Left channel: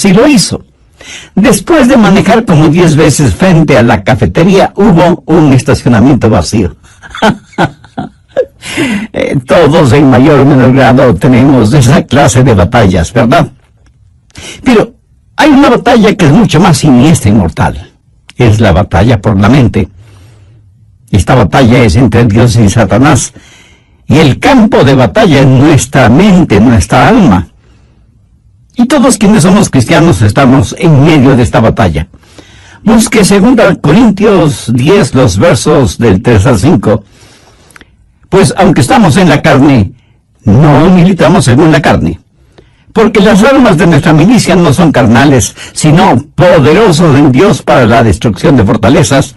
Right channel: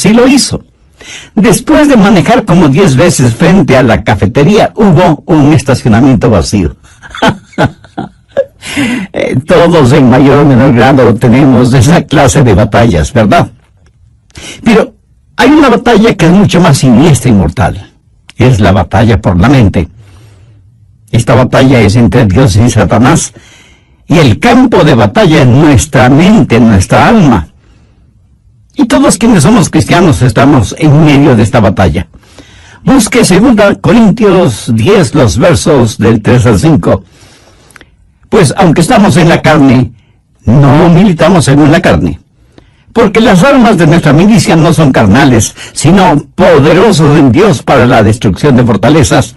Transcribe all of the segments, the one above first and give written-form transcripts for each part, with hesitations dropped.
sí lo hizo. Después de manejar como 10 veces frente a la cafetería, hubo un estacionamiento vacío. Todos en mayor o menor grado tenemos esa clase de batallas, ¿verdad? Pero hay una batalla que es mucho más siniestra y mortal. Es la batalla por la mente. Esta batalla es entre Dios y Satanás. Y el campo de batalla es nuestra mente, nuestra alma. Y todos quienes somos cristianos estamos en medio de esta batalla. Busque 2 Corintios 10, los versos del 3 al 5. Pues aunque estamos en la carne, no militamos según la carne. Porque las armas de nuestra milicia no son carnales, sino poderosos en Dios para la destrucción de fortalezas,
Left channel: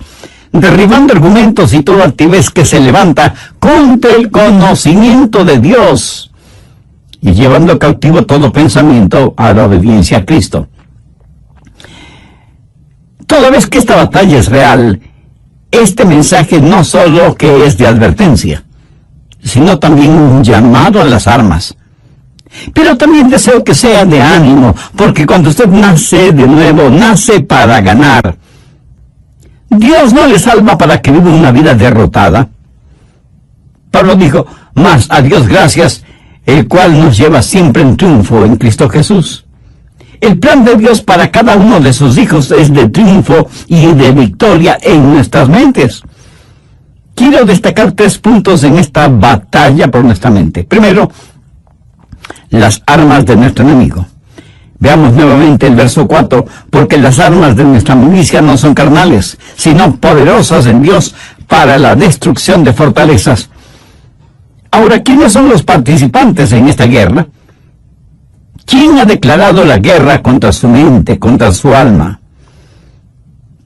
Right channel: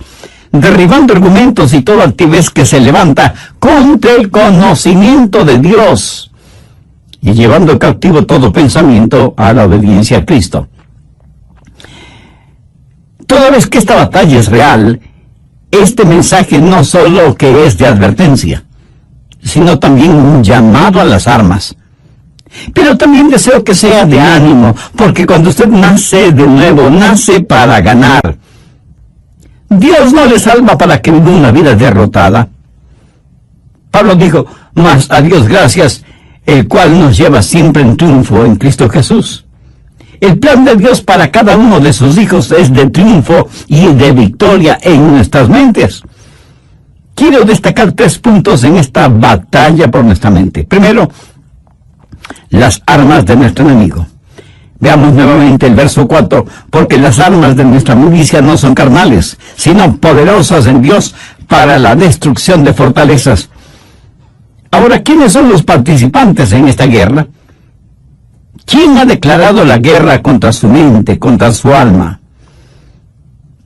derribando argumentos y toda altivez que se levanta contra el conocimiento de Dios, y llevando cautivo todo pensamiento a la obediencia a Cristo. Toda vez que esta batalla es real, este mensaje no solo que es de advertencia, sino también un llamado a las armas. Pero también deseo que sea de ánimo, porque cuando usted nace de nuevo, nace para ganar. Dios no le salva para que viva una vida derrotada. Pablo dijo, mas a Dios gracias, el cual nos lleva siempre en triunfo en Cristo Jesús. El plan de Dios para cada uno de sus hijos es de triunfo y de victoria en nuestras mentes. Quiero destacar 3 puntos en esta batalla por nuestra mente. Primero, las armas de nuestro enemigo. Veamos nuevamente el verso 4. Porque las armas de nuestra milicia no son carnales, sino poderosas en Dios para la destrucción de fortalezas. Ahora, ¿quiénes son los participantes en esta guerra? ¿Quién ha declarado la guerra contra su mente, contra su alma?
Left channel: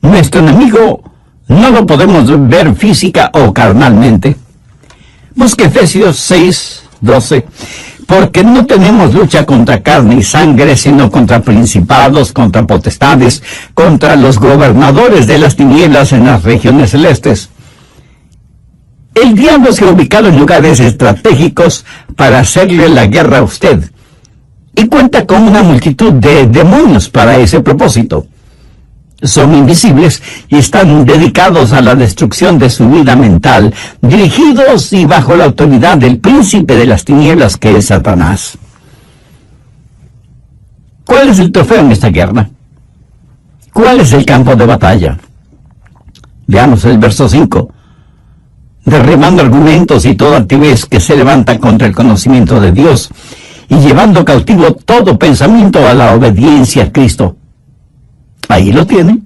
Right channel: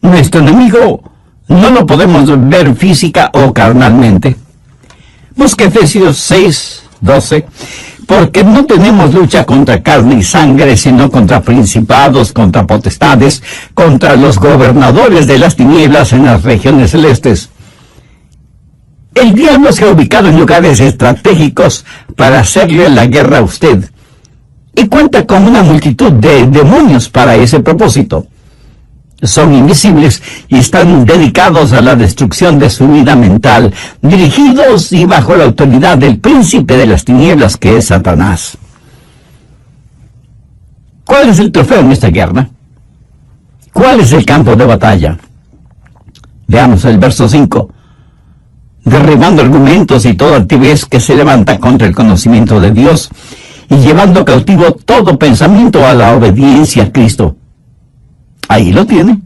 Nuestro enemigo no lo podemos ver física o carnalmente. Busque Efesios 6, 12. Porque no tenemos lucha contra carne y sangre, sino contra principados, contra potestades, contra los gobernadores de las tinieblas en las regiones celestes. El diablo se ha ubicado en lugares estratégicos para hacerle la guerra a usted, y cuenta con una multitud de demonios para ese propósito. Son invisibles y están dedicados a la destrucción de su vida mental, dirigidos y bajo la autoridad del príncipe de las tinieblas, que es Satanás. ¿Cuál es el trofeo en esta guerra? ¿Cuál es el campo de batalla? Veamos el verso 5. Derribando argumentos y toda altivez que se levanta contra el conocimiento de Dios, y llevando cautivo todo pensamiento a la obediencia a Cristo. Ahí lo tiene.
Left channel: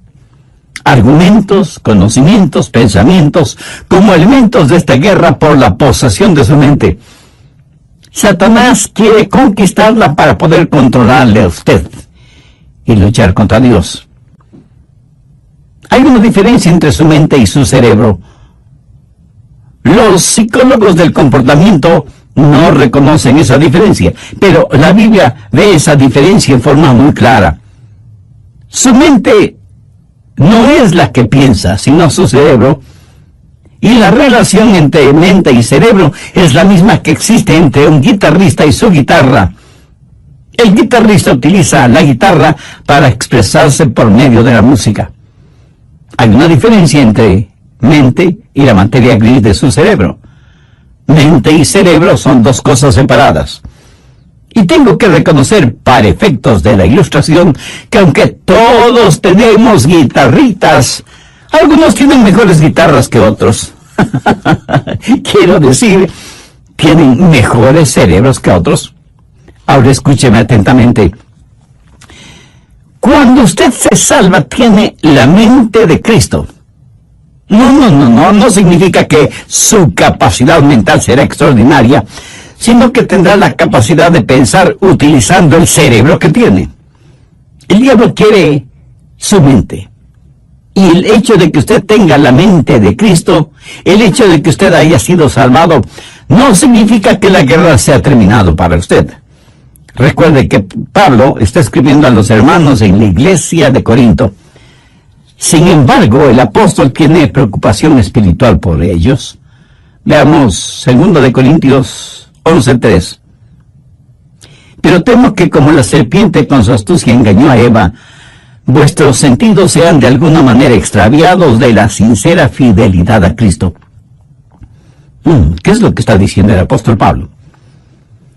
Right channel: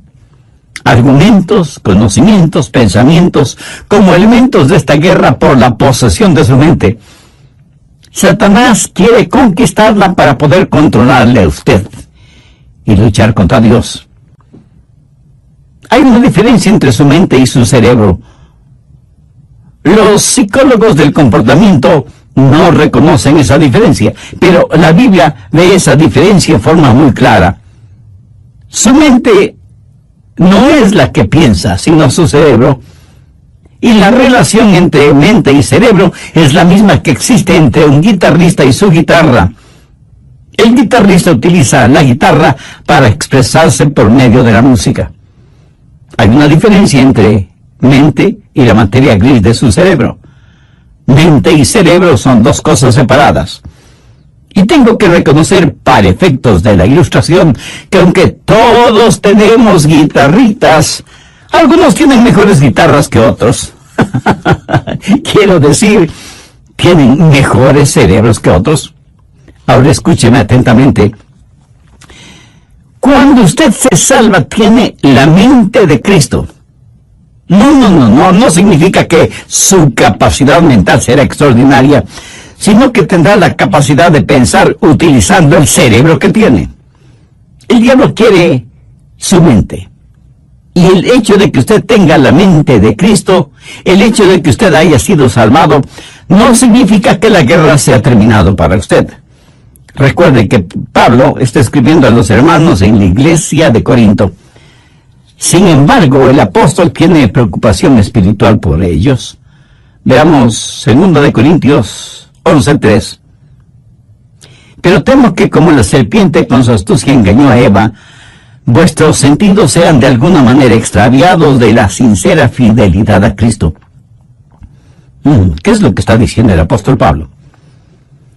Argumentos, conocimientos, pensamientos, como elementos de esta guerra por la posesión de su mente. Satanás quiere conquistarla para poder controlarle a usted y luchar contra Dios. Hay una diferencia entre su mente y su cerebro. Los psicólogos del comportamiento no reconocen esa diferencia, pero la Biblia ve esa diferencia en forma muy clara. Su mente no es la que piensa, sino su cerebro. Y la relación entre mente y cerebro es la misma que existe entre un guitarrista y su guitarra. El guitarrista utiliza la guitarra para expresarse por medio de la música. Hay una diferencia entre mente y la materia gris de su cerebro. Mente y cerebro son 2 cosas separadas. Y tengo que reconocer, para efectos de la ilustración, que aunque todos tenemos guitarritas, algunos tienen mejores guitarras que otros. Quiero decir, tienen mejores cerebros que otros. Ahora escúcheme atentamente. Cuando usted se salva, tiene la mente de Cristo. No significa que su capacidad mental será extraordinaria, sino que tendrá la capacidad de pensar utilizando el cerebro que tiene. El diablo quiere su mente. Y el hecho de que usted tenga la mente de Cristo, el hecho de que usted haya sido salvado, no significa que la guerra se ha terminado para usted. Recuerde que Pablo está escribiendo a los hermanos en la iglesia de Corinto. Sin embargo, el apóstol tiene preocupación espiritual por ellos. Veamos 2 Corintios 11:3. Pero temo que como la serpiente con su astucia engañó a Eva, vuestros sentidos sean de alguna manera extraviados de la sincera fidelidad a Cristo. ¿Qué es lo que está diciendo el apóstol Pablo?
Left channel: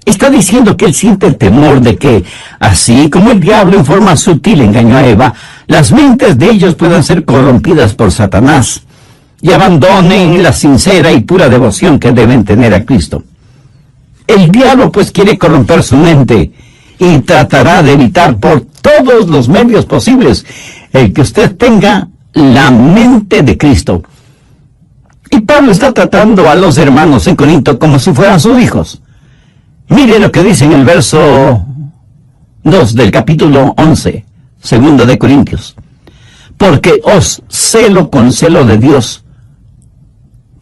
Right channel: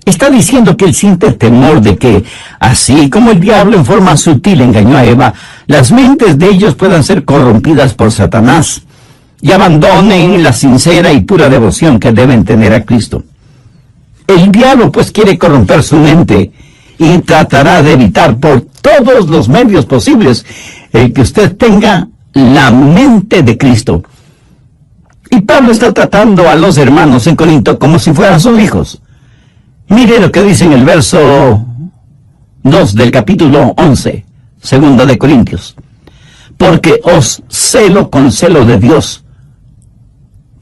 Está diciendo que él siente el temor de que, así como el diablo en forma sutil engañó a Eva, las mentes de ellos puedan ser corrompidas por Satanás y abandonen la sincera y pura devoción que deben tener a Cristo. El diablo pues quiere corromper su mente y tratará de evitar por todos los medios posibles el que usted tenga la mente de Cristo. Y Pablo está tratando a los hermanos en Corinto como si fueran sus hijos. Mire lo que dice en el verso 2 del capítulo 11, segunda de Corintios. Porque os celo con celo de Dios,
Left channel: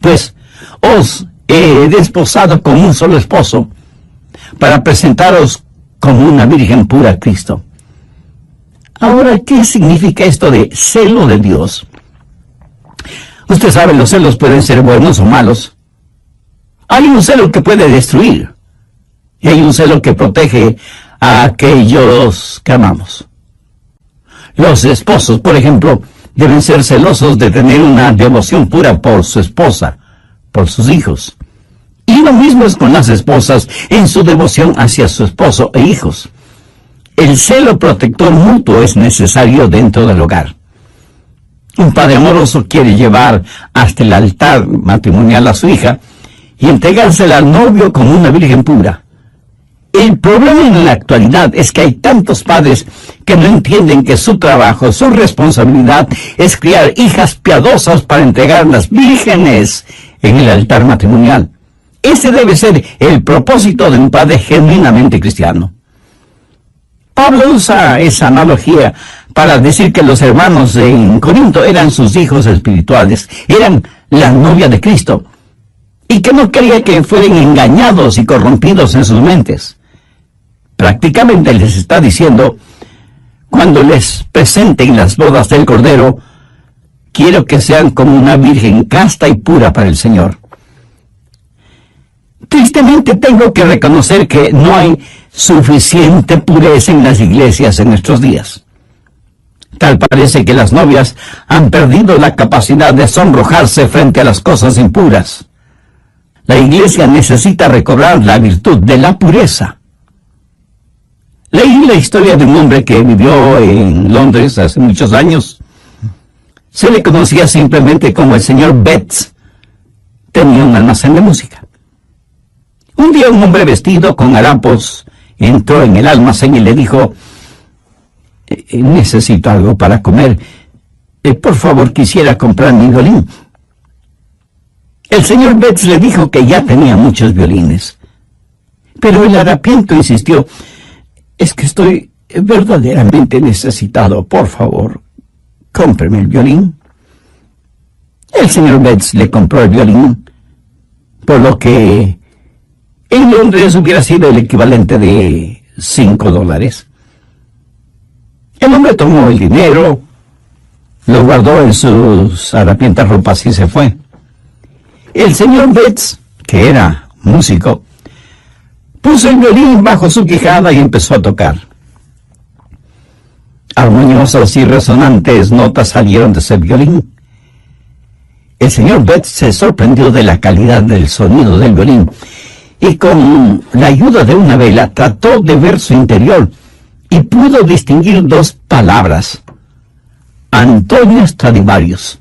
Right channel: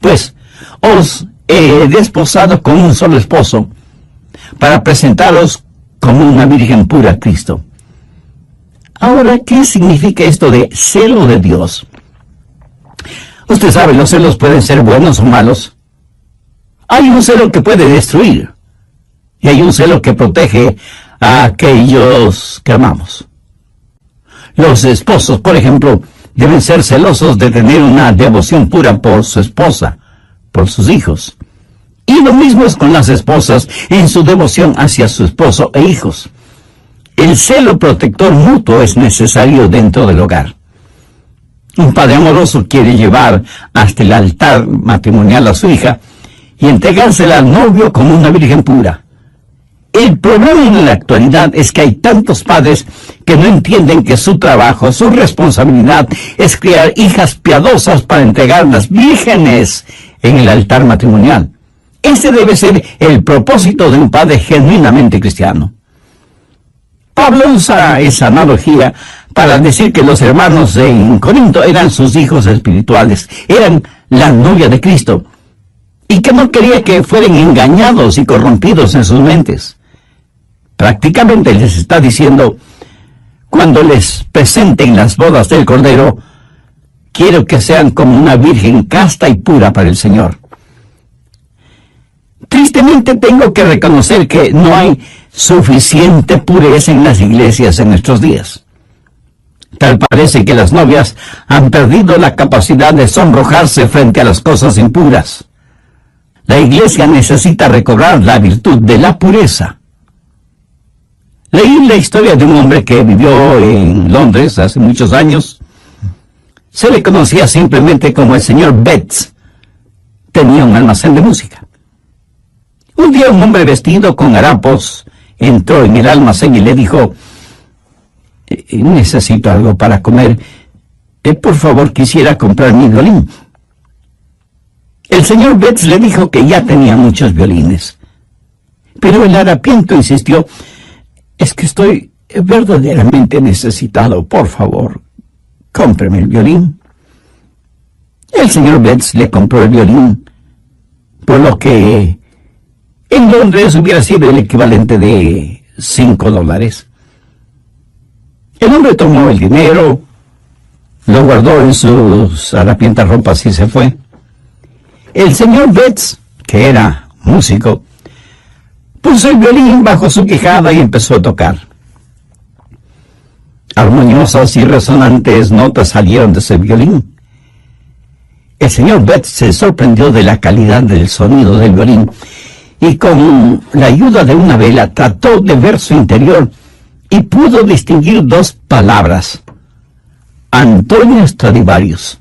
pues os he desposado con un solo esposo, para presentaros como una virgen pura a Cristo. Ahora, ¿qué significa esto de celo de Dios? Usted sabe, los celos pueden ser buenos o malos. Hay un celo que puede destruir, y hay un celo que protege a aquellos que amamos. Los esposos, por ejemplo, deben ser celosos de tener una devoción pura por su esposa, por sus hijos. Y lo mismo es con las esposas en su devoción hacia su esposo e hijos. El celo protector mutuo es necesario dentro del hogar. Un padre amoroso quiere llevar hasta el altar matrimonial a su hija y entregársela al novio como una virgen pura. El problema en la actualidad es que hay tantos padres que no entienden que su trabajo, su responsabilidad es criar hijas piadosas para entregarlas vírgenes en el altar matrimonial. Ese debe ser el propósito de un padre genuinamente cristiano. Pablo usa esa analogía para decir que los hermanos en Corinto eran sus hijos espirituales, eran la novia de Cristo, y que no quería que fueran engañados y corrompidos en sus mentes. Prácticamente les está diciendo, cuando les presenten las bodas del Cordero, quiero que sean como una virgen casta y pura para el Señor. Tristemente tengo que reconocer que no hay suficiente pureza en las iglesias en nuestros días. Tal parece que las novias han perdido la capacidad de sonrojarse frente a las cosas impuras. La iglesia necesita recobrar la virtud de la pureza. Leí la historia de un hombre que vivió en Londres hace muchos años. Se le conocía simplemente como el señor Betts. Tenía un almacén de música. Un día un hombre vestido con harapos entró en el almacén y le dijo, necesito algo para comer. Por favor, quisiera comprar mi violín. El señor Betts le dijo que ya tenía muchos violines. Pero el harapiento insistió, es que estoy verdaderamente necesitado. Por favor, cómpreme el violín. El señor Betts le compró el violín, por lo que en Londres hubiera sido el equivalente de $5. El hombre tomó el dinero, lo guardó en sus harapientas ropas y se fue. El señor Betts, que era músico, puso el violín bajo su quijada y empezó a tocar. Armoniosas y resonantes notas salieron de ese violín. El señor Betts se sorprendió de la calidad del sonido del violín y con la ayuda de una vela trató de ver su interior y pudo distinguir dos palabras: Antonio Stradivarius.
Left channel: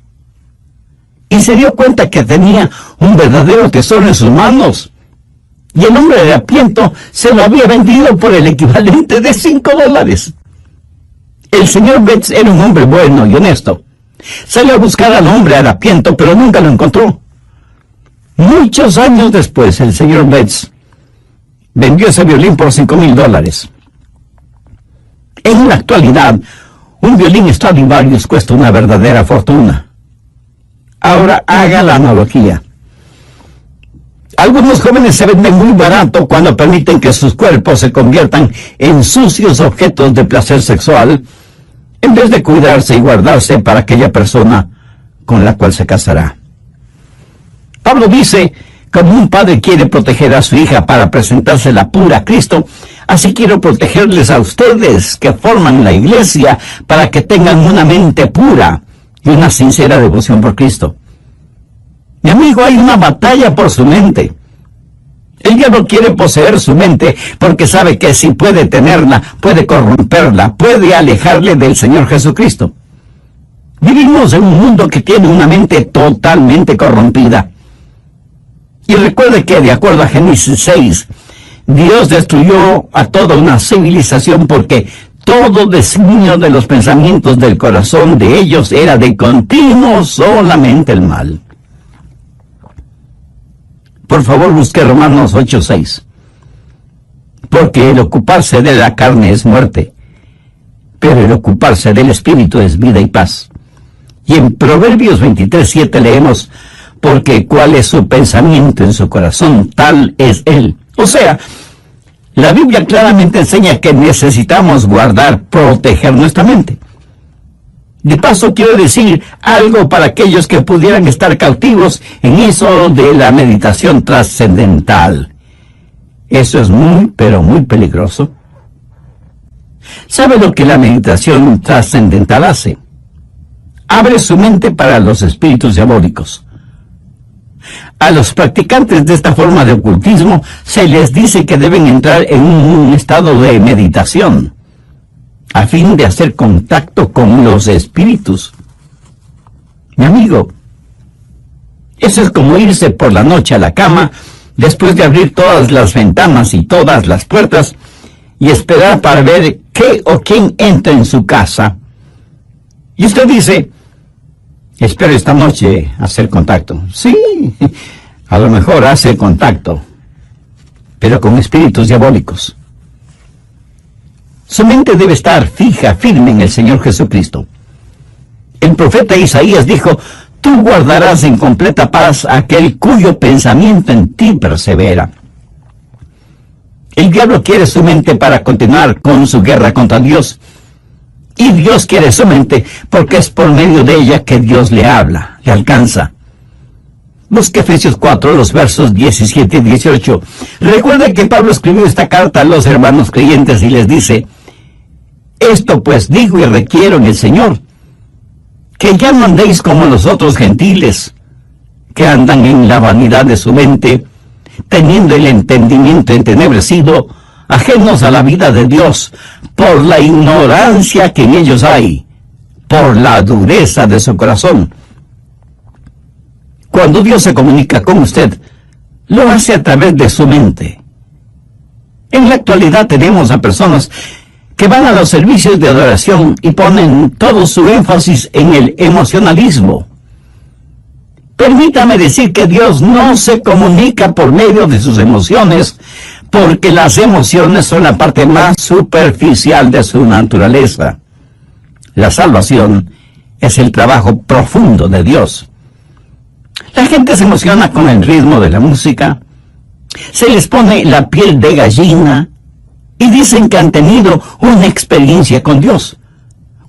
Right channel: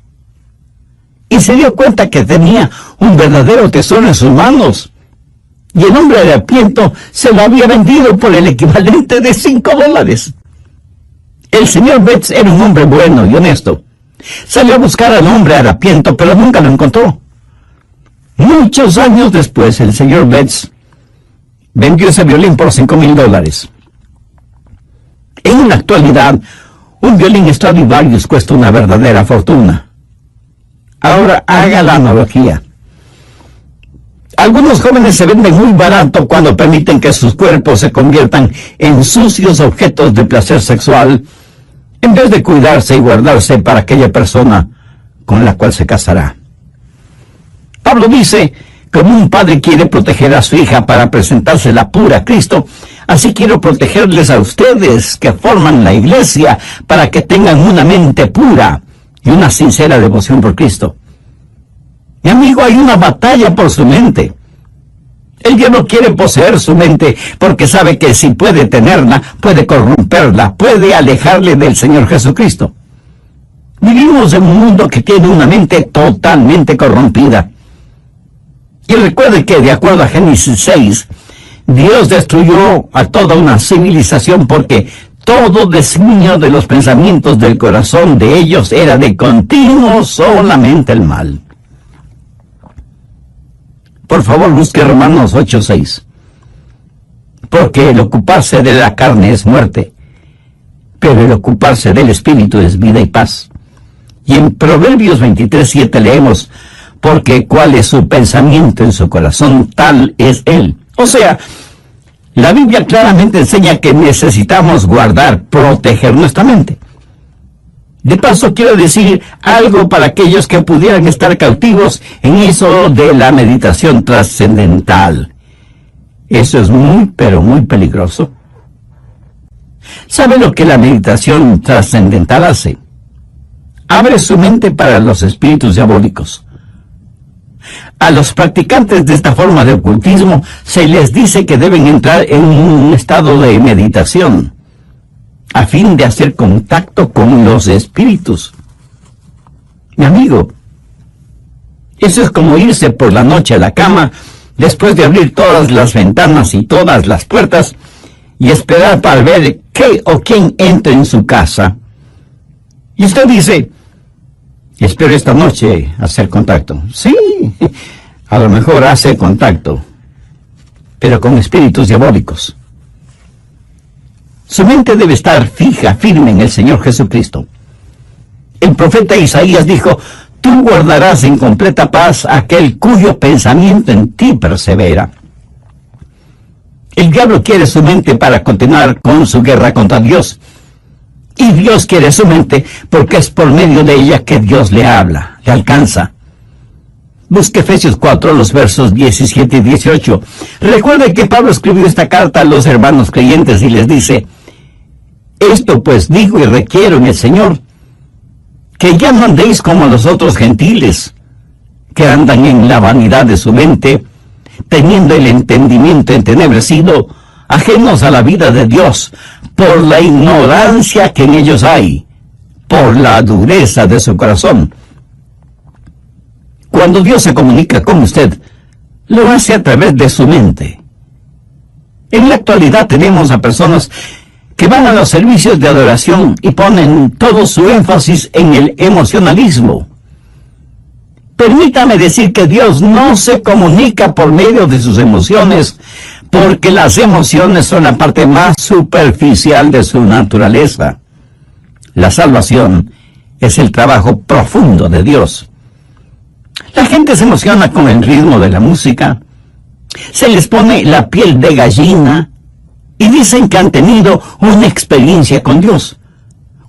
Y se dio cuenta que tenía un verdadero tesoro en sus manos. Y el hombre harapiento se lo había vendido por el equivalente de $5. El señor Betts era un hombre bueno y honesto. Salió a buscar al hombre harapiento, pero nunca lo encontró. Muchos años después, el señor Betts vendió ese violín por $5,000. En la actualidad, un violín Stradivarius cuesta una verdadera fortuna. Ahora haga la analogía. Algunos jóvenes se venden muy barato cuando permiten que sus cuerpos se conviertan en sucios objetos de placer sexual, en vez de cuidarse y guardarse para aquella persona con la cual se casará. Pablo dice, como un padre quiere proteger a su hija para presentársela pura a Cristo, Así quiero protegerles a ustedes que forman la iglesia para que tengan una mente pura y una sincera devoción por Cristo. Mi amigo, hay una batalla por su mente. El diablo quiere poseer su mente porque sabe que si puede tenerla, puede corromperla, puede alejarle del Señor Jesucristo. Vivimos en un mundo que tiene una mente totalmente corrompida. Y recuerde que, de acuerdo a Génesis 6, Dios destruyó a toda una civilización porque todo designio de los pensamientos del corazón de ellos era de continuo solamente el mal. Por favor, busque Romanos 8:6. Porque el ocuparse de la carne es muerte, pero el ocuparse del Espíritu es vida y paz. Y en Proverbios 23:7 leemos, porque cuál es su pensamiento en su corazón, tal es él. O sea, la Biblia claramente enseña que necesitamos guardar, proteger nuestra mente. De paso, quiero decir algo para aquellos que pudieran estar cautivos en eso de la meditación trascendental. Eso es muy, pero muy peligroso. ¿Sabe lo que la meditación trascendental hace? Abre su mente para los espíritus diabólicos. A los practicantes de esta forma de ocultismo se les dice que deben entrar en un estado de meditación a fin de hacer contacto con los espíritus. Mi amigo, eso es como irse por la noche a la cama después de abrir todas las ventanas y todas las puertas y esperar para ver qué o quién entra en su casa. Y usted dice, espero esta noche hacer contacto. Sí, a lo mejor hace contacto, pero con espíritus diabólicos. Su mente debe estar fija, firme en el Señor Jesucristo. El profeta Isaías dijo, tú guardarás en completa paz aquel cuyo pensamiento en ti persevera. El diablo quiere su mente para continuar con su guerra contra Dios. Y Dios quiere su mente porque es por medio de ella que Dios le habla, le alcanza. Busque Efesios 4, los versos 17 y 18. Recuerde que Pablo escribió esta carta a los hermanos creyentes y les dice, esto pues digo y requiero en el Señor, que ya no andéis como los otros gentiles, que andan en la vanidad de su mente, teniendo el entendimiento entenebrecido, ajenos a la vida de Dios, por la ignorancia que en ellos hay, por la dureza de su corazón. Cuando Dios se comunica con usted, lo hace a través de su mente. En la actualidad tenemos a personas que van a los servicios de adoración y ponen todo su énfasis en el emocionalismo. Permítame decir que Dios no se comunica por medio de sus emociones, porque las emociones son la parte más superficial de su naturaleza. La salvación es el trabajo profundo de Dios. La gente se emociona con el ritmo de la música, se les pone la piel de gallina y dicen que han tenido una experiencia con Dios,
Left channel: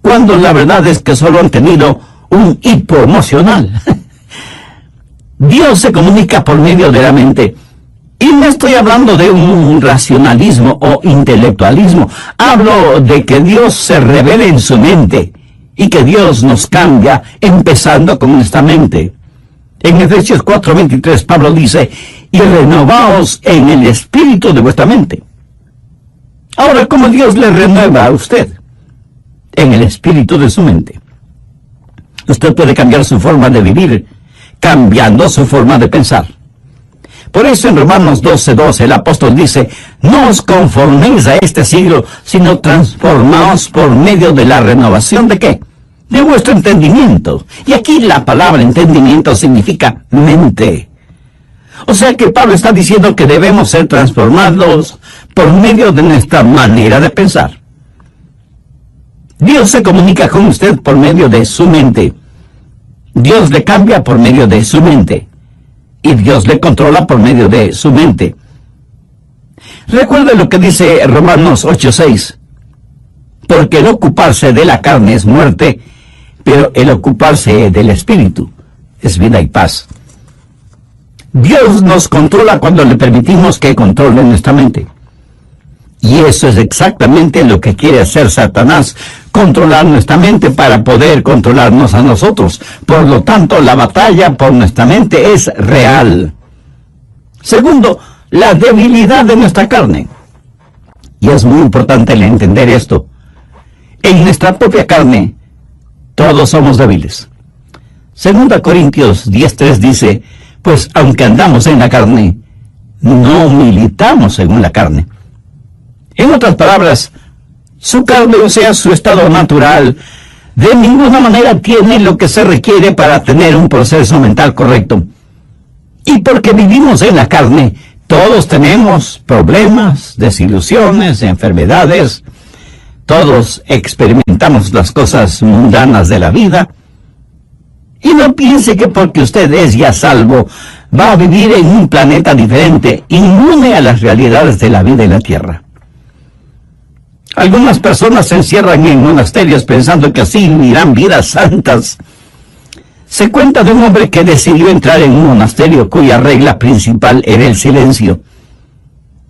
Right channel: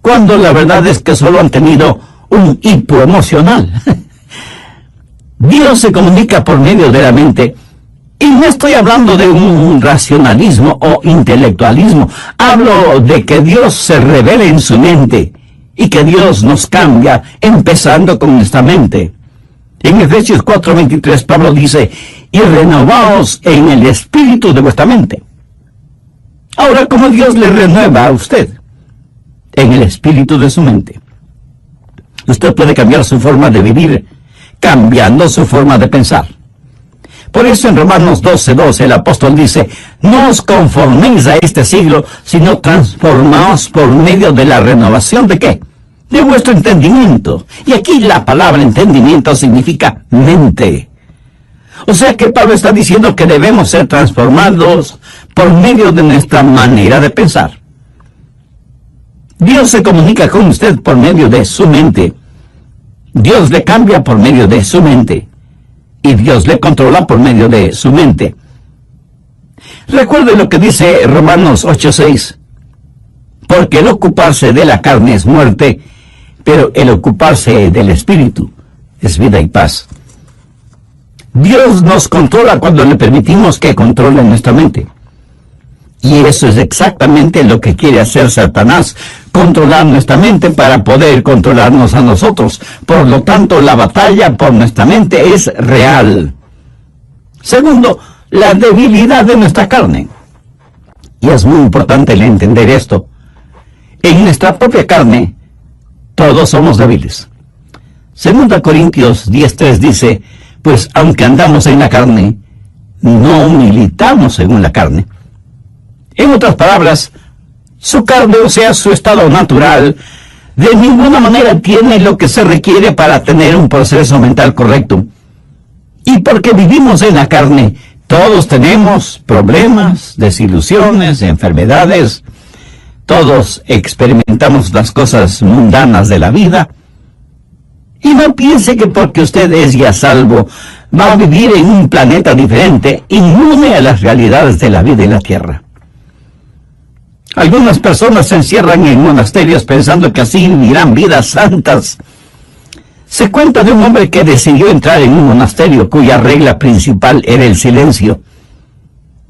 cuando la verdad es que solo han tenido un hipo emocional. Dios se comunica por medio de la mente. Y no estoy hablando de un racionalismo o intelectualismo. Hablo de que Dios se revela en su mente y que Dios nos cambia empezando con nuestra mente. En Efesios 4:23 Pablo dice, y renovaos en el espíritu de vuestra mente. Ahora, ¿cómo Dios le renueva a usted? En el espíritu de su mente. Usted puede cambiar su forma de vivir, cambiando su forma de pensar. Por eso en Romanos 12:12 el apóstol dice, no os conforméis a este siglo, sino transformaos por medio de la renovación ¿de qué? De vuestro entendimiento. Y aquí la palabra entendimiento significa mente. O sea que Pablo está diciendo que debemos ser transformados por medio de nuestra manera de pensar. Dios se comunica con usted por medio de su mente. Dios le cambia por medio de su mente. Y Dios le controla por medio de su mente. Recuerde lo que dice Romanos 8:6. Porque el ocuparse de la carne es muerte, pero el ocuparse del espíritu es vida y paz. Dios nos controla cuando le permitimos que controle nuestra mente. Y eso es exactamente lo que quiere hacer Satanás, controlar nuestra mente para poder controlarnos a nosotros. Por lo tanto, la batalla por nuestra mente es real. Segundo, la debilidad de nuestra carne. Y es muy importante el entender esto. En nuestra propia carne, todos somos débiles. 2 Corintios 10:3 dice, pues aunque andamos en la carne, no militamos según la carne. En otras palabras, su carne, o sea, su estado natural, de ninguna manera tiene lo que se requiere para tener un proceso mental correcto. Y porque vivimos en la carne, todos tenemos problemas, desilusiones, enfermedades. Todos experimentamos las cosas mundanas de la vida. Y no piense que porque usted es ya salvo, va a vivir en un planeta diferente, inmune a las realidades de la vida y la tierra. Algunas personas se encierran en monasterios pensando que así vivirán vidas santas. Se cuenta de un hombre que decidió entrar en un monasterio cuya regla principal era el silencio.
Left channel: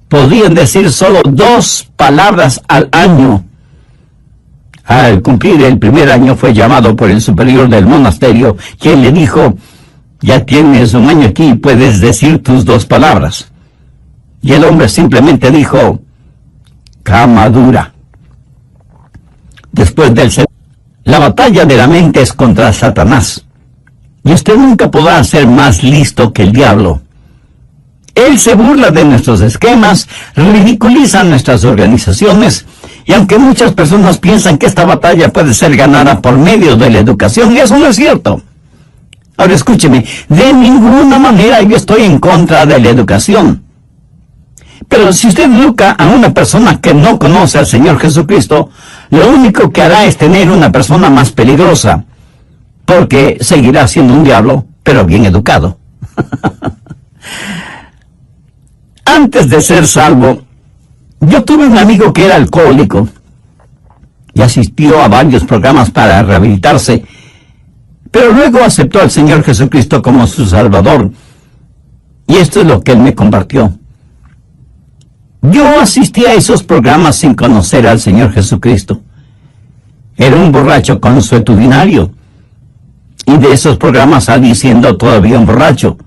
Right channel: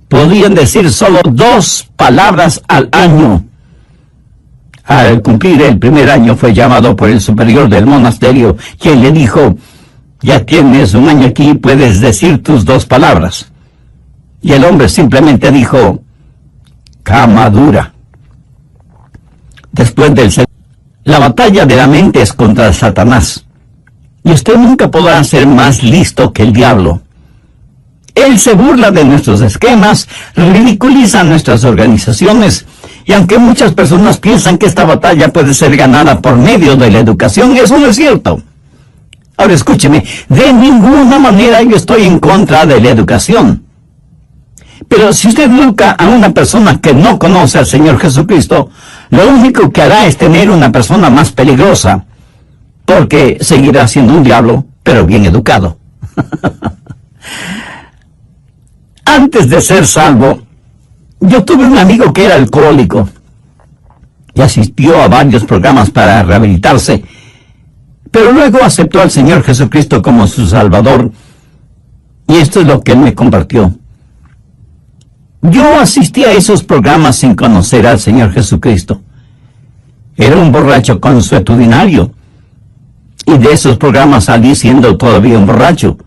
Podían decir solo 2 palabras al año. Al cumplir el primer año fue llamado por el superior del monasterio, quien le dijo, ya tienes un año aquí, puedes decir tus 2 palabras. Y el hombre simplemente dijo, cama dura. Después del la batalla de la mente es contra Satanás. Y usted nunca podrá ser más listo que el diablo. Él se burla de nuestros esquemas, ridiculiza nuestras organizaciones, y aunque muchas personas piensan que esta batalla puede ser ganada por medio de la educación, eso no es cierto. Ahora escúcheme, de ninguna manera yo estoy en contra de la educación. Pero si usted educa a una persona que no conoce al Señor Jesucristo, lo único que hará es tener una persona más peligrosa, porque seguirá siendo un diablo, pero bien educado. Antes de ser salvo, yo tuve un amigo que era alcohólico y asistió a varios programas para rehabilitarse, pero luego aceptó al Señor Jesucristo como su Salvador, y esto es lo que él me compartió. Yo asistí a esos programas sin conocer al Señor Jesucristo. Era un borracho consuetudinario, y de esos programas salí siendo todavía un borracho,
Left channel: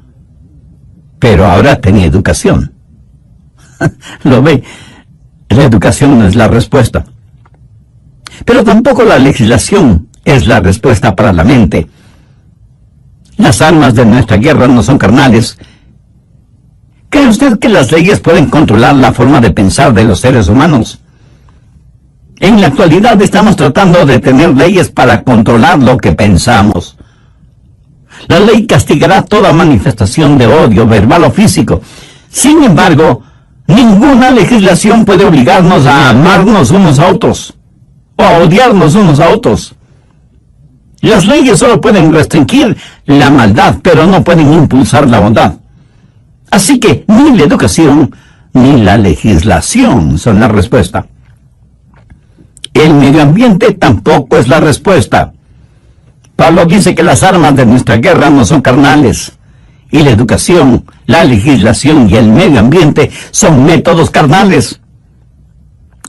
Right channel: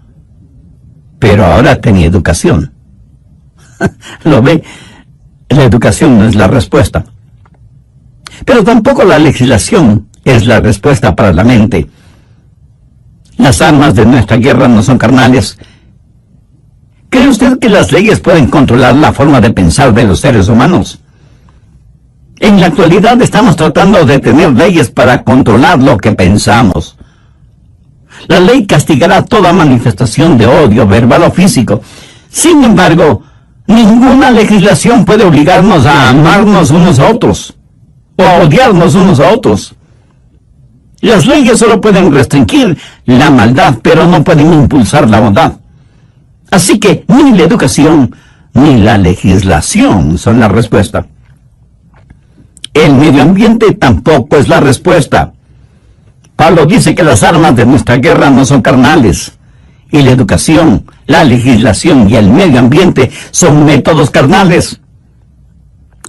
pero ahora tenía educación. ¿Lo ve? La educación no es la respuesta. Pero tampoco la legislación es la respuesta para la mente. Las armas de nuestra guerra no son carnales. ¿Cree usted que las leyes pueden controlar la forma de pensar de los seres humanos? En la actualidad estamos tratando de tener leyes para controlar lo que pensamos. La ley castigará toda manifestación de odio, verbal o físico. Sin embargo, ninguna legislación puede obligarnos a amarnos unos a otros, o a odiarnos unos a otros. Las leyes solo pueden restringir la maldad, pero no pueden impulsar la bondad. Así que ni la educación ni la legislación son la respuesta. El medio ambiente tampoco es la respuesta. Pablo dice que las armas de nuestra guerra no son carnales, y la educación, la legislación y el medio ambiente son métodos carnales.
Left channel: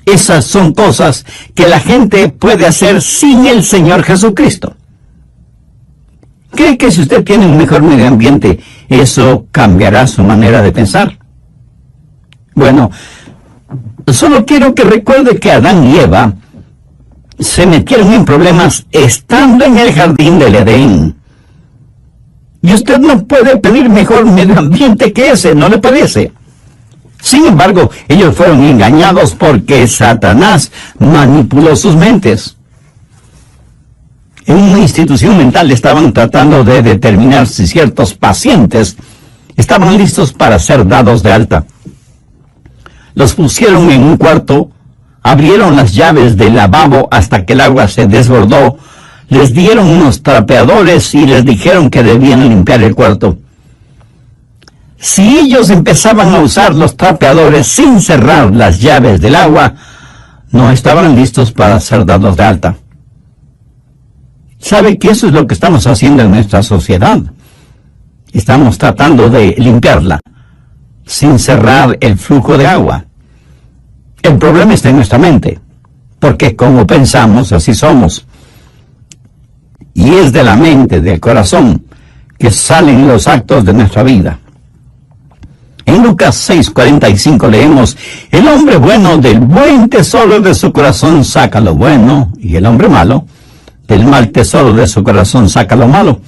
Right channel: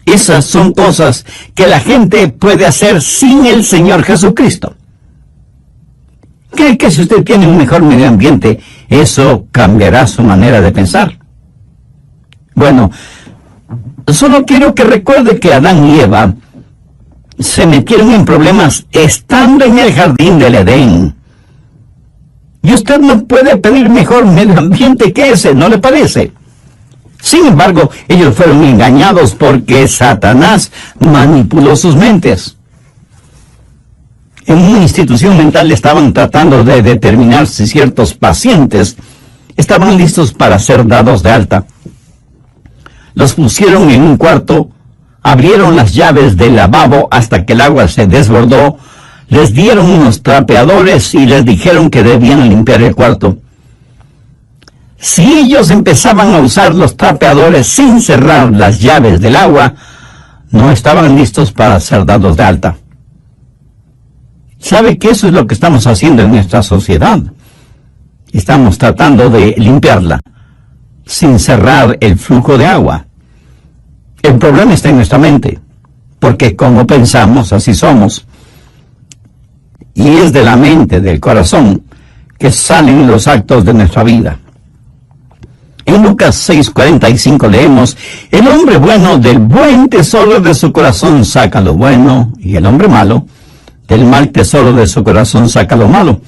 Esas son cosas que la gente puede hacer sin el Señor Jesucristo. ¿Cree que si usted tiene un mejor medio ambiente, eso cambiará su manera de pensar? Bueno, solo quiero que recuerde que Adán y Eva se metieron en problemas estando en el jardín del Edén. Y usted no puede pedir mejor medio ambiente que ese, ¿no le parece? Sin embargo, ellos fueron engañados porque Satanás manipuló sus mentes. En una institución mental estaban tratando de determinar si ciertos pacientes estaban listos para ser dados de alta. Los pusieron en un cuarto, abrieron las llaves del lavabo hasta que el agua se desbordó, les dieron unos trapeadores y les dijeron que debían limpiar el cuarto. Si ellos empezaban a usar los trapeadores sin cerrar las llaves del agua, no estaban listos para ser dados de alta. ¿Sabe que eso es lo que estamos haciendo en nuestra sociedad? Estamos tratando de limpiarla sin cerrar el flujo de agua. El problema está en nuestra mente, porque como pensamos, así somos. Y es de la mente, del corazón, que salen los actos de nuestra vida. En Lucas 6:45 leemos: el hombre bueno del buen tesoro de su corazón saca lo bueno, y el hombre malo del mal tesoro de su corazón saca lo malo,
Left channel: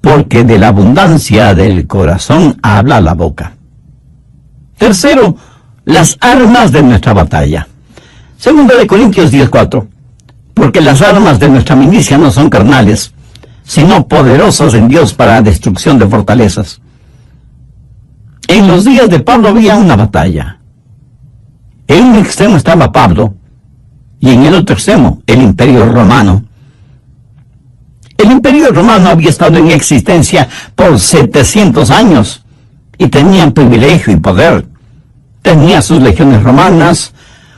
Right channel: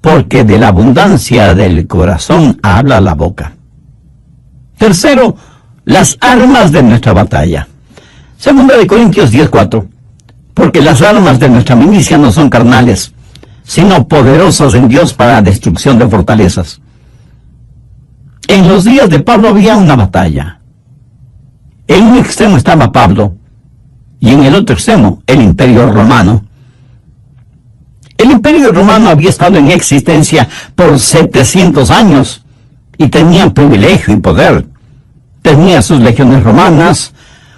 porque de la abundancia del corazón habla la boca. Tercero, las armas de nuestra batalla. Segunda de Corintios 10:4. Porque las armas de nuestra milicia no son carnales, sino poderosas en Dios para la destrucción de fortalezas. En los días de Pablo había una batalla. En un extremo estaba Pablo, y en el otro extremo el Imperio Romano. El Imperio Romano había estado en existencia por 700 años, y tenía privilegio y poder. Tenía sus legiones romanas,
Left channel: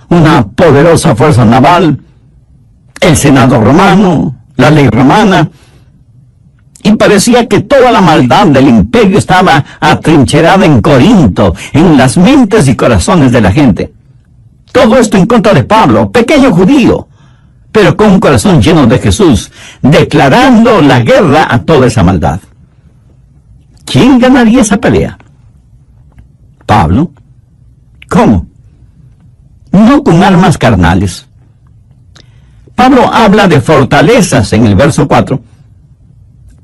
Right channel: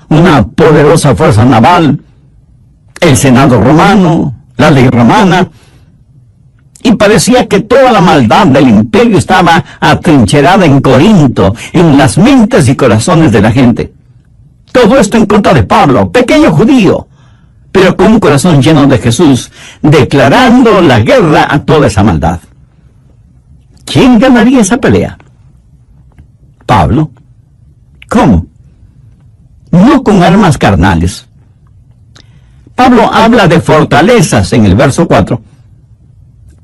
una poderosa fuerza naval, el Senado romano, la ley romana, y parecía que toda la maldad del imperio estaba atrincherada en Corinto, en las mentes y corazones de la gente. Todo esto en contra de Pablo, pequeño judío, pero con un corazón lleno de Jesús, declarando la guerra a toda esa maldad. ¿Quién ganaría esa pelea? ¿Pablo? ¿Cómo? No con armas carnales. Pablo habla de fortalezas en el verso 4,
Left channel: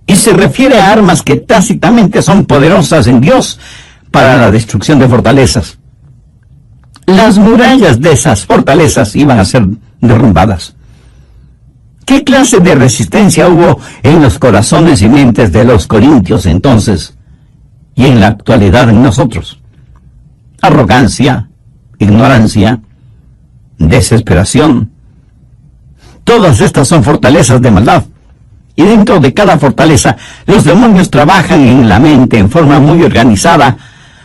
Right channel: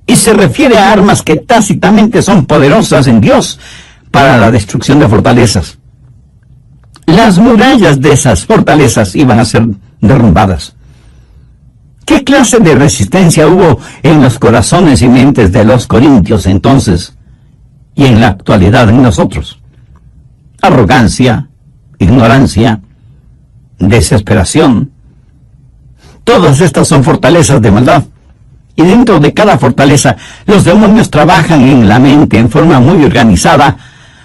y se refiere a armas que tácitamente son poderosas en Dios para la destrucción de fortalezas. Las murallas de esas fortalezas iban a ser derrumbadas. ¿Qué clase de resistencia hubo en los corazones y mentes de los corintios entonces y en la actualidad en nosotros? Arrogancia, ignorancia, desesperación. Todas estas son fortalezas de maldad. Y dentro de cada fortaleza, los demonios trabajan en la mente en forma muy organizada,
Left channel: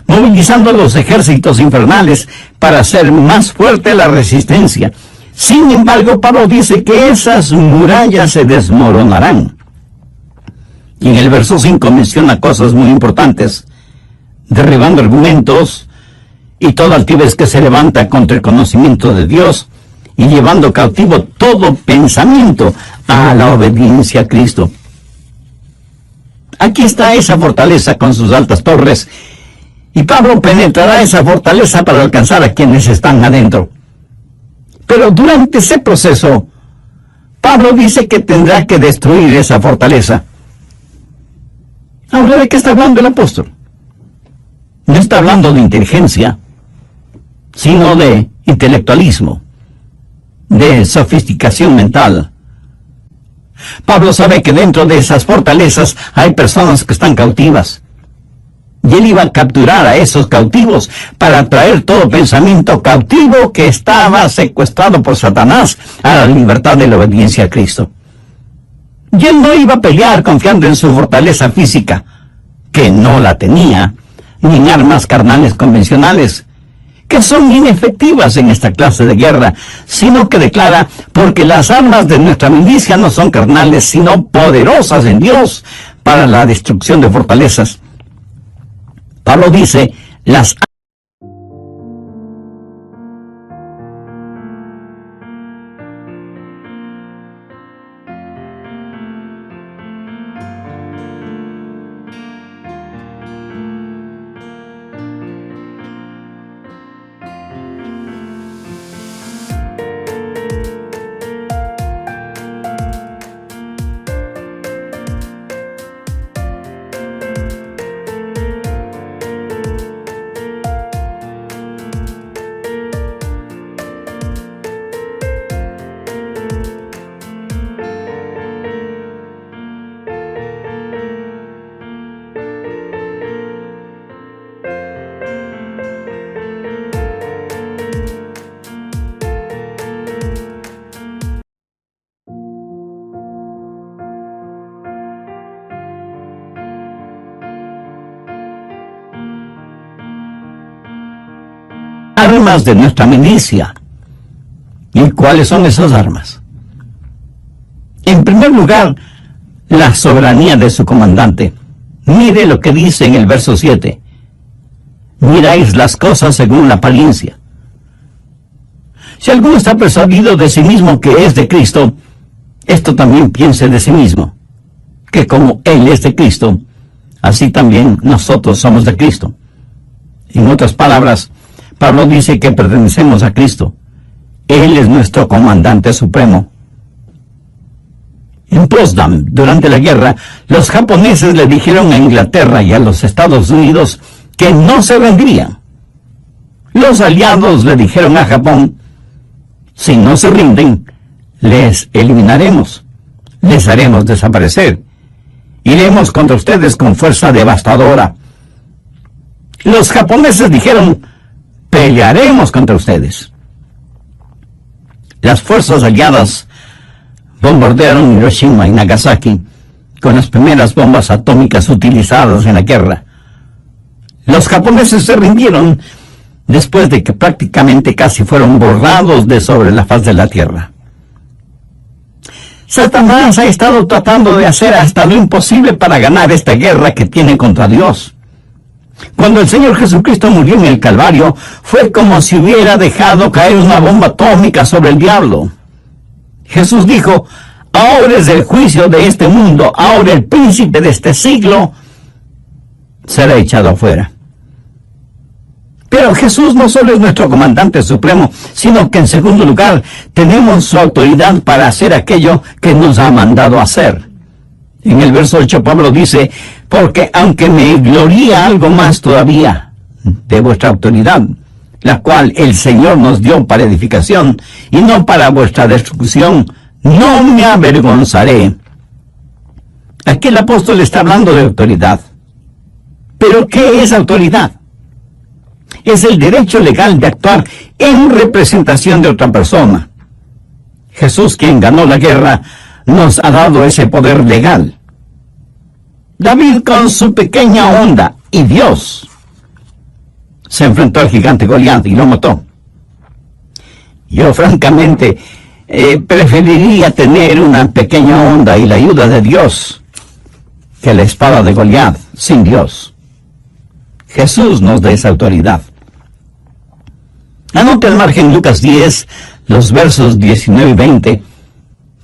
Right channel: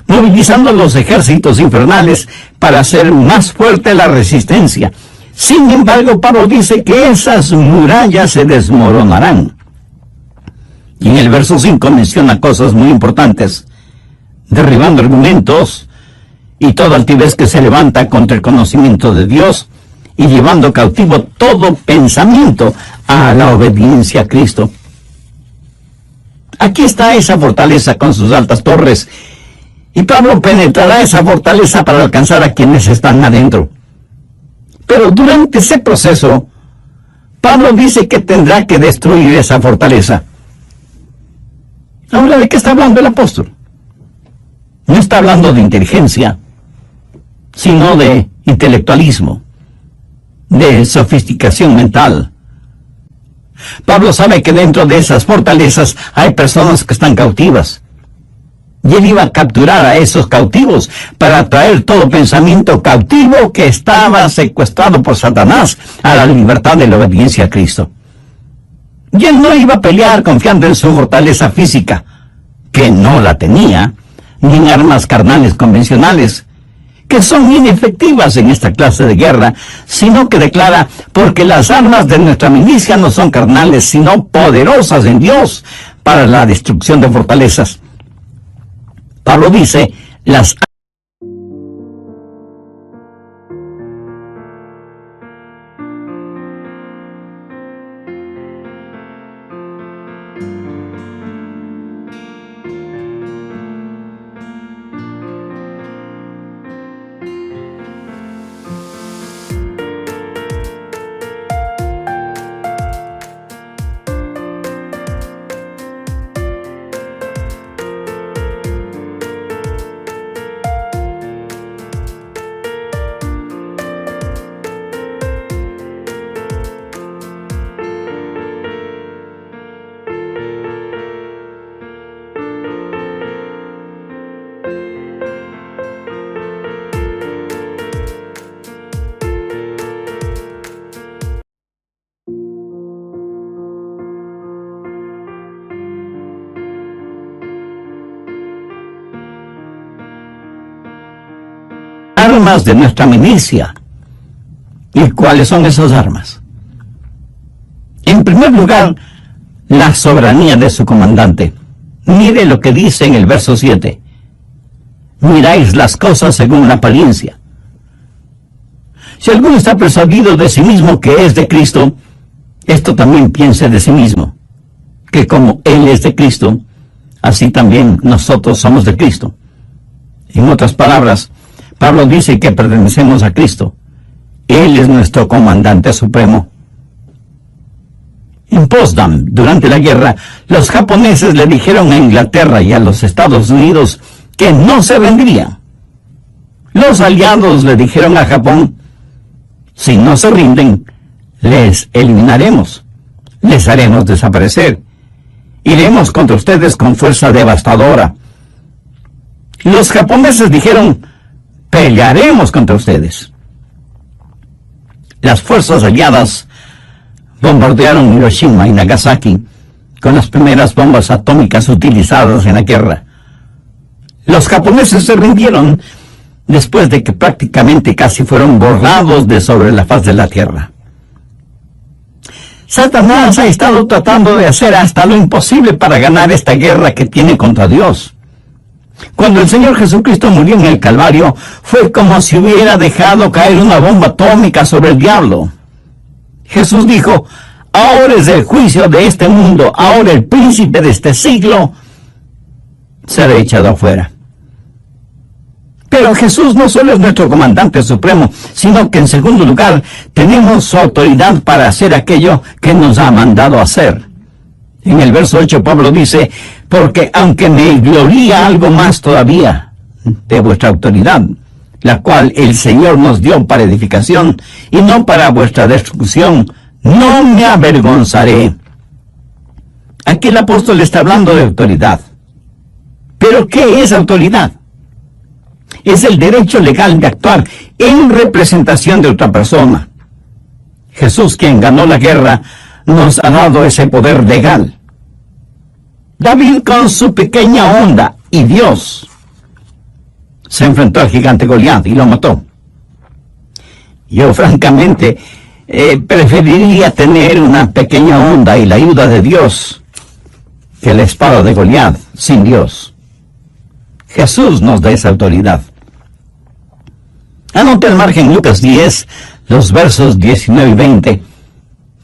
movilizando los ejércitos infernales para hacer más fuerte la resistencia. Sin embargo, Pablo dice que esas murallas se desmoronarán. Y en el verso 5 menciona cosas muy importantes: derribando argumentos y toda altivez que se levanta contra el conocimiento de Dios, y llevando cautivo todo pensamiento a la obediencia a Cristo. Aquí está esa fortaleza con sus altas torres, y Pablo penetrará esa fortaleza para alcanzar a quienes están adentro. Pero durante ese proceso, Pablo dice que tendrá que destruir esa fortaleza. Ahora, ¿de qué está hablando el apóstol? No está hablando de inteligencia, sino de intelectualismo, de sofisticación mental. Pablo sabe que dentro de esas fortalezas hay personas que están cautivas, y él iba a capturar a esos cautivos para traer todo pensamiento cautivo que estaba secuestrado por Satanás a la libertad de la obediencia a Cristo. Y él no iba a pelear confiando en su fortaleza física, que no la tenía, ni en armas carnales convencionales, que son inefectivas en esta clase de guerra, sino que declara: porque las armas de nuestra milicia no son carnales, sino poderosas en Dios para la destrucción de fortalezas. Pablo dice, las armas de nuestra milicia. ¿Y cuáles son esas armas? En primer lugar, la soberanía de su comandante. Mire lo que dice en el verso 7. Miráis las cosas según la apariencia. Si alguno está persuadido de sí mismo que es de Cristo, esto también piense de sí mismo, que como Él es de Cristo, así también nosotros somos de Cristo. En otras palabras, Pablo dice que pertenecemos a Cristo. Él es nuestro comandante supremo. En Potsdam, durante la guerra, los japoneses le dijeron a Inglaterra y a los Estados Unidos que no se rendirían. Los aliados le dijeron a Japón: si no se rinden, les eliminaremos, les haremos desaparecer, iremos contra ustedes con fuerza devastadora. Los japoneses dijeron: pelearemos contra ustedes. Las fuerzas aliadas bombardearon Hiroshima y Nagasaki con las primeras bombas atómicas utilizadas en la guerra. Los japoneses se rindieron después de que prácticamente casi fueron borrados de sobre la faz de la tierra. Satanás ha estado tratando de hacer hasta lo imposible para ganar esta guerra que tiene contra Dios. Cuando el Señor Jesucristo murió en el Calvario, fue como si hubiera dejado caer una bomba atómica sobre el diablo. Jesús dijo: ahora es el juicio de este mundo, ahora el príncipe de este siglo será echado afuera. Pero Jesús no solo es nuestro comandante supremo, sino que en segundo lugar tenemos su autoridad para hacer aquello que nos ha mandado hacer. En el verso 8 Pablo dice: porque aunque me gloría algo más todavía de vuestra autoridad, la cual el Señor nos dio para edificación y no para vuestra destrucción, no me avergonzaré. Aquí el apóstol está hablando de autoridad. ¿Pero qué es autoridad? Es el derecho legal de actuar en representación de otra persona. Jesús, quien ganó la guerra, nos ha dado ese poder legal. David, con su pequeña onda y Dios, se enfrentó al gigante Goliat y lo mató. Yo francamente preferiría tener una pequeña onda y la ayuda de Dios que la espada de Goliat sin Dios. Jesús nos da esa autoridad. Anote al margen Lucas 10, los versos 19 y 20,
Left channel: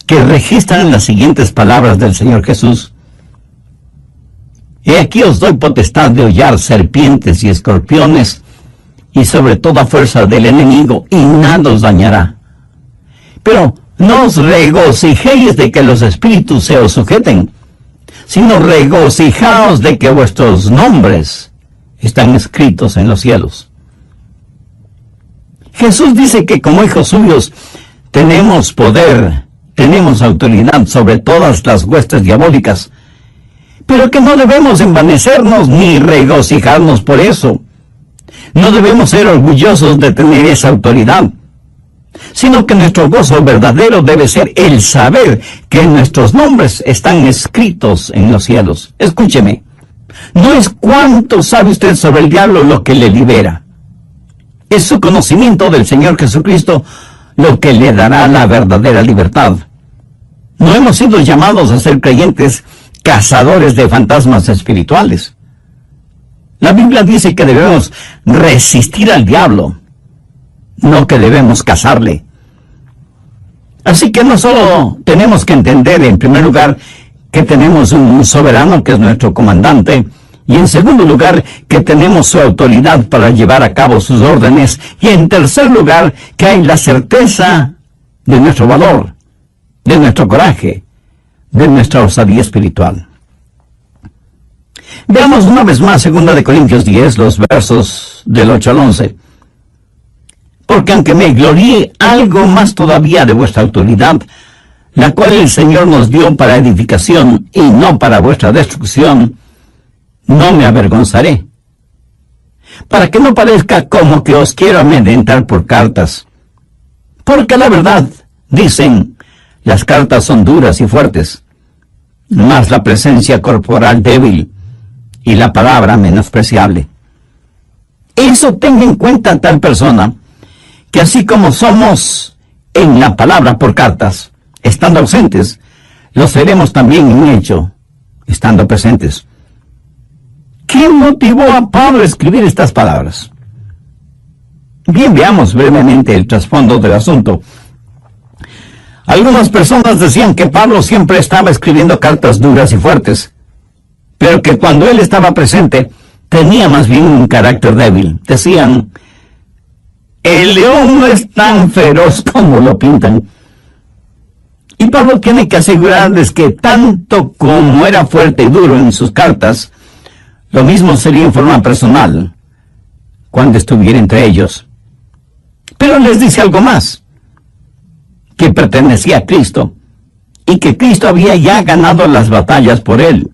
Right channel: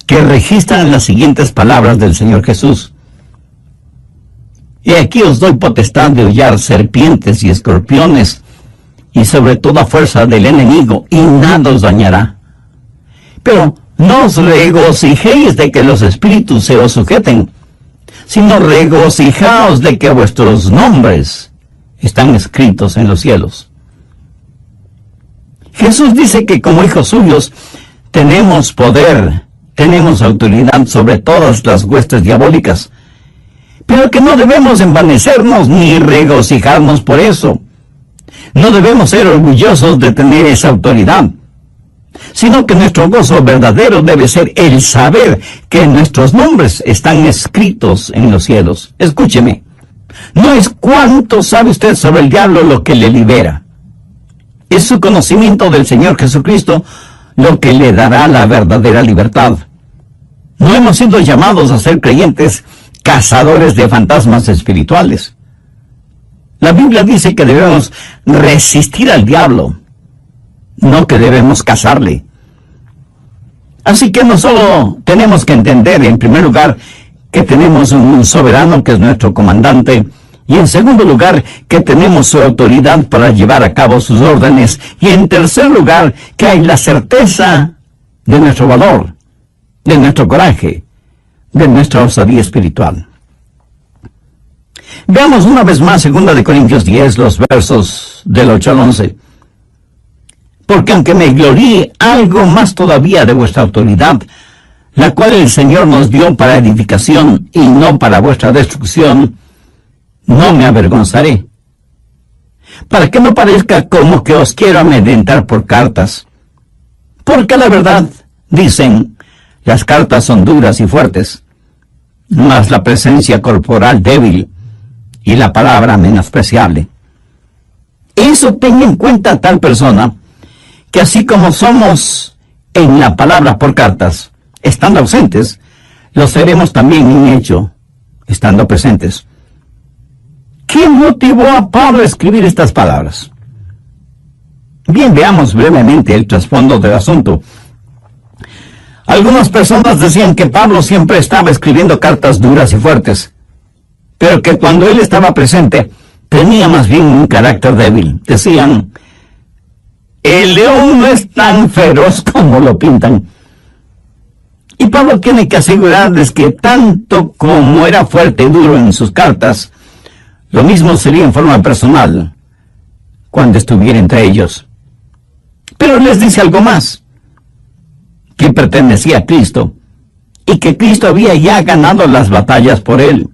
que registran las siguientes palabras del Señor Jesús. He aquí os doy potestad de hollar serpientes y escorpiones, y sobre toda fuerza del enemigo, y nada os dañará. Pero no os regocijéis de que los espíritus se os sujeten, sino regocijaos de que vuestros nombres están escritos en los cielos. Jesús dice que como hijos suyos tenemos poder, tenemos autoridad sobre todas las huestes diabólicas, pero que no debemos envanecernos ni regocijarnos por eso. No debemos ser orgullosos de tener esa autoridad, sino que nuestro gozo verdadero debe ser el saber que nuestros nombres están escritos en los cielos. Escúcheme, no es cuánto sabe usted sobre el diablo lo que le libera. Es su conocimiento del Señor Jesucristo lo que le dará la verdadera libertad. No hemos sido llamados a ser creyentes cazadores de fantasmas espirituales. La Biblia dice que debemos resistir al diablo, no que debemos cazarle. Así que no solo tenemos que entender, en primer lugar, que tenemos un soberano que es nuestro comandante, y en segundo lugar, que tenemos su autoridad para llevar a cabo sus órdenes, y en tercer lugar, que hay la certeza de nuestro valor, de nuestro coraje, de nuestra osadía espiritual. Veamos una vez más 2 Corintios 10, los versos del 8 al 11. Porque aunque me gloríe algo más todavía de vuestra autoridad, la cual el Señor nos dio para edificación y no para vuestra destrucción, no me avergonzaré, para que no parezca como que os quiero amedrentar por cartas. Porque la verdad, dicen, las cartas son duras y fuertes, mas la presencia corporal débil y la palabra menospreciable. Eso tenga en cuenta tal persona, que así como somos en la palabra por cartas, estando ausentes, lo seremos también en hecho, estando presentes. ¿Qué motivó a Pablo a escribir estas palabras? Bien, veamos brevemente el trasfondo del asunto. Algunas personas decían que Pablo siempre estaba escribiendo cartas duras y fuertes, pero que cuando él estaba presente tenía más bien un carácter débil. Decían, el león no es tan feroz como lo pintan. Y Pablo tiene que asegurarles que tanto como era fuerte y duro en sus cartas, lo mismo sería en forma personal cuando estuviera entre ellos. Pero les dice algo más, que pertenecía a Cristo y que Cristo había ya ganado las batallas por él,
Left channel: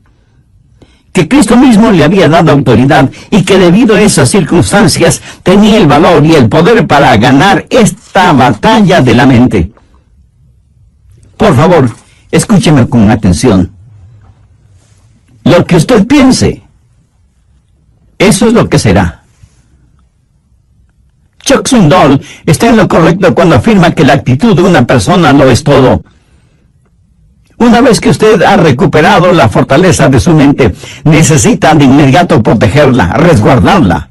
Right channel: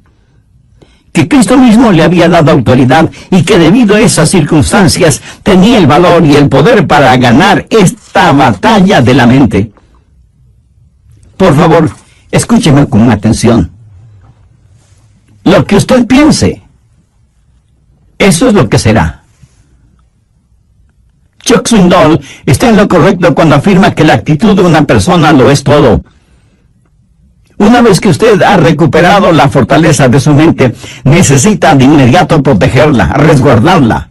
que Cristo mismo le había dado autoridad y que debido a esas circunstancias tenía el valor y el poder para ganar esta batalla de la mente. Por favor, escúcheme con atención. Lo que usted piense, eso es lo que será. Chuck Swindoll está en lo correcto cuando afirma que la actitud de una persona lo es todo. Una vez que usted ha recuperado la fortaleza de su mente, necesita de inmediato protegerla, resguardarla.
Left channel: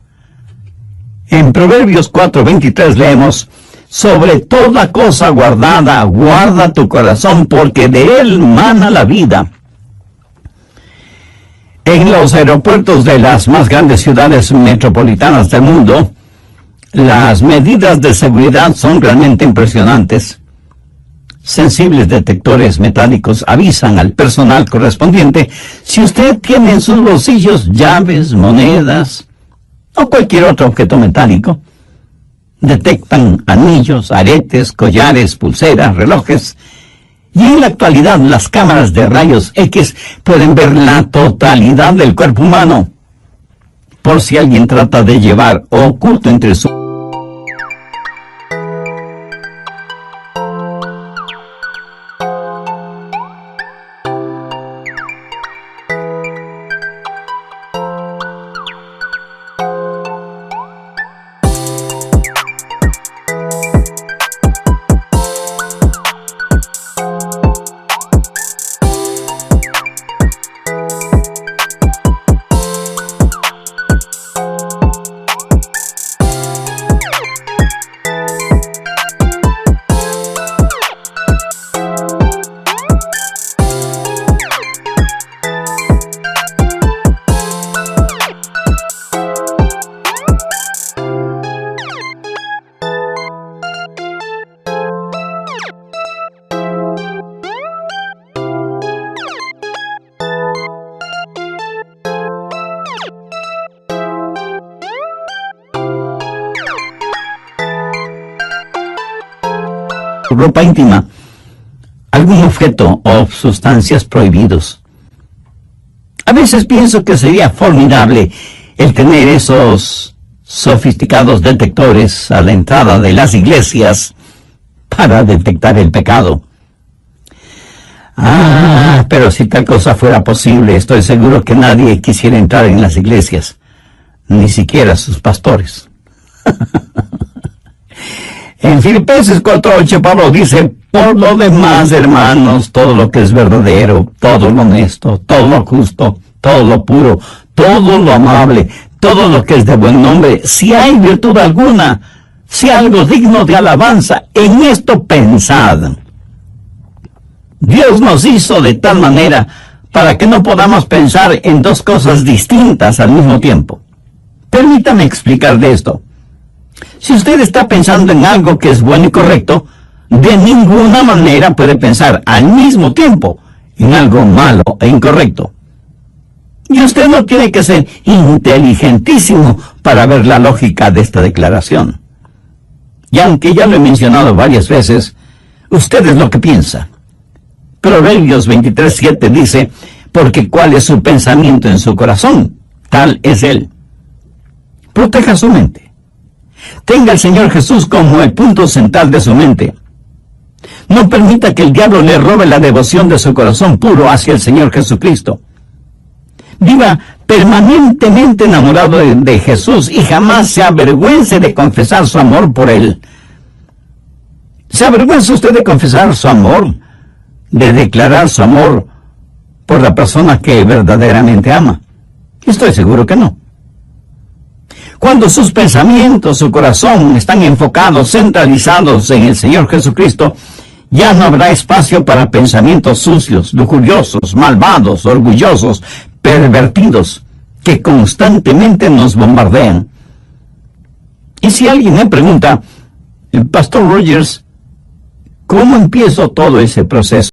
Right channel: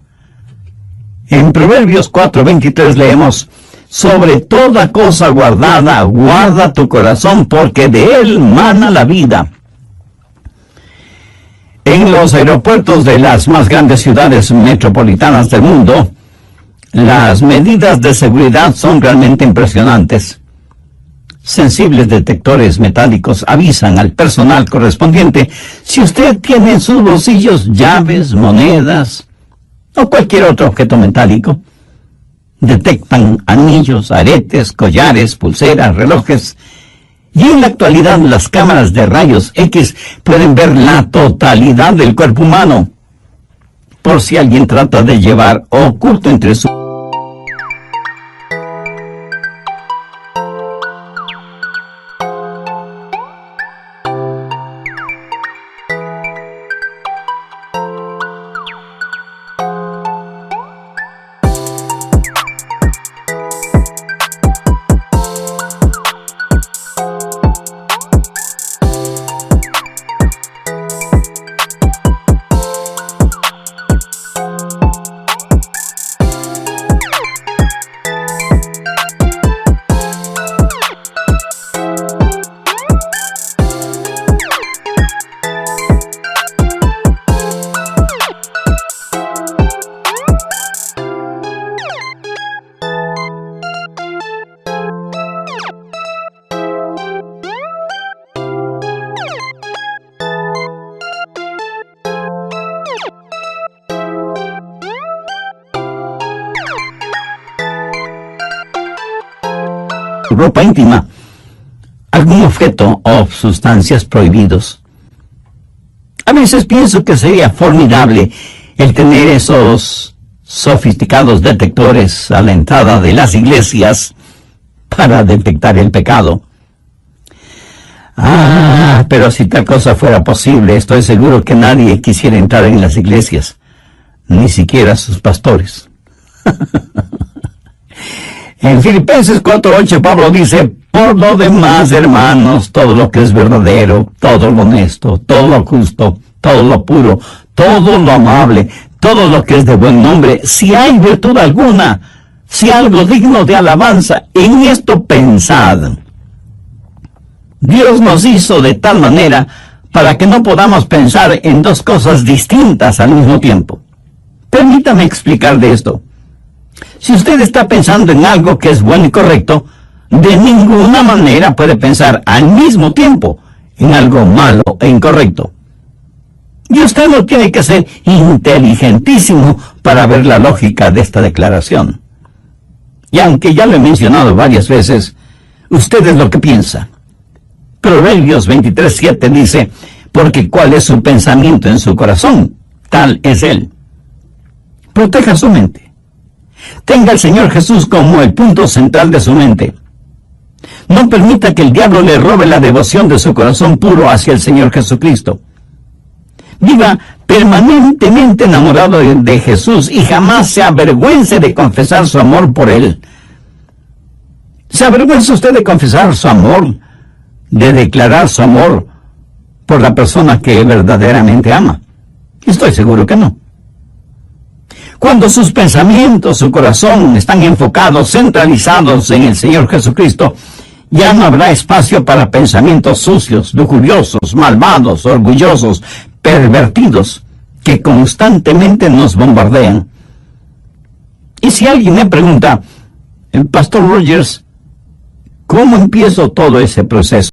En Proverbios 4:23 leemos, sobre toda cosa guardada, guarda tu corazón, porque de él mana la vida. En los aeropuertos de las más grandes ciudades metropolitanas del mundo, las medidas de seguridad son realmente impresionantes. Sensibles detectores metálicos avisan al personal correspondiente si usted tiene en sus bolsillos llaves, monedas o cualquier otro objeto metálico. Detectan anillos, aretes, collares, pulseras, relojes. Y en la actualidad las cámaras de rayos X pueden ver la totalidad del cuerpo humano, por si alguien trata de llevar oculto entre su... ropa íntima, algún objeto o sustancias prohibidos. A veces pienso que sería formidable el tener esos sofisticados detectores a la entrada de las iglesias para detectar el pecado. Pero si tal cosa fuera posible, estoy seguro que nadie quisiera entrar en las iglesias, ni siquiera sus pastores. En Filipenses 4:8 Pablo dice, por lo demás, hermanos, todo lo que es verdadero, todo lo honesto, todo lo justo, todo lo puro, todo lo amable, todo lo que es de buen nombre, si hay virtud alguna, si algo digno de alabanza, en esto pensad. Dios nos hizo de tal manera para que no podamos pensar en dos cosas distintas al mismo tiempo. Permítame explicar de esto. Si usted está pensando en algo que es bueno y correcto, de ninguna manera puede pensar al mismo tiempo en algo malo e incorrecto. Y usted no tiene que ser inteligentísimo para ver la lógica de esta declaración. Y aunque ya lo he mencionado varias veces, usted es lo que piensa. Proverbios 23:7 dice, porque cuál es su pensamiento en su corazón, tal es él. Proteja su mente. Tenga al Señor Jesús como el punto central de su mente. No permita que el diablo le robe la devoción de su corazón puro hacia el Señor Jesucristo. Viva permanentemente enamorado de Jesús y jamás se avergüence de confesar su amor por Él. ¿Se avergüenza usted de confesar su amor, de declarar su amor por la persona que verdaderamente ama? Estoy seguro que no. Cuando sus pensamientos, su corazón están enfocados, centralizados en el Señor Jesucristo, ya no habrá espacio para pensamientos sucios, lujuriosos, malvados, orgullosos, pervertidos, que constantemente nos bombardean. Y si alguien me pregunta, Pastor Rogers, ¿cómo empiezo todo ese proceso?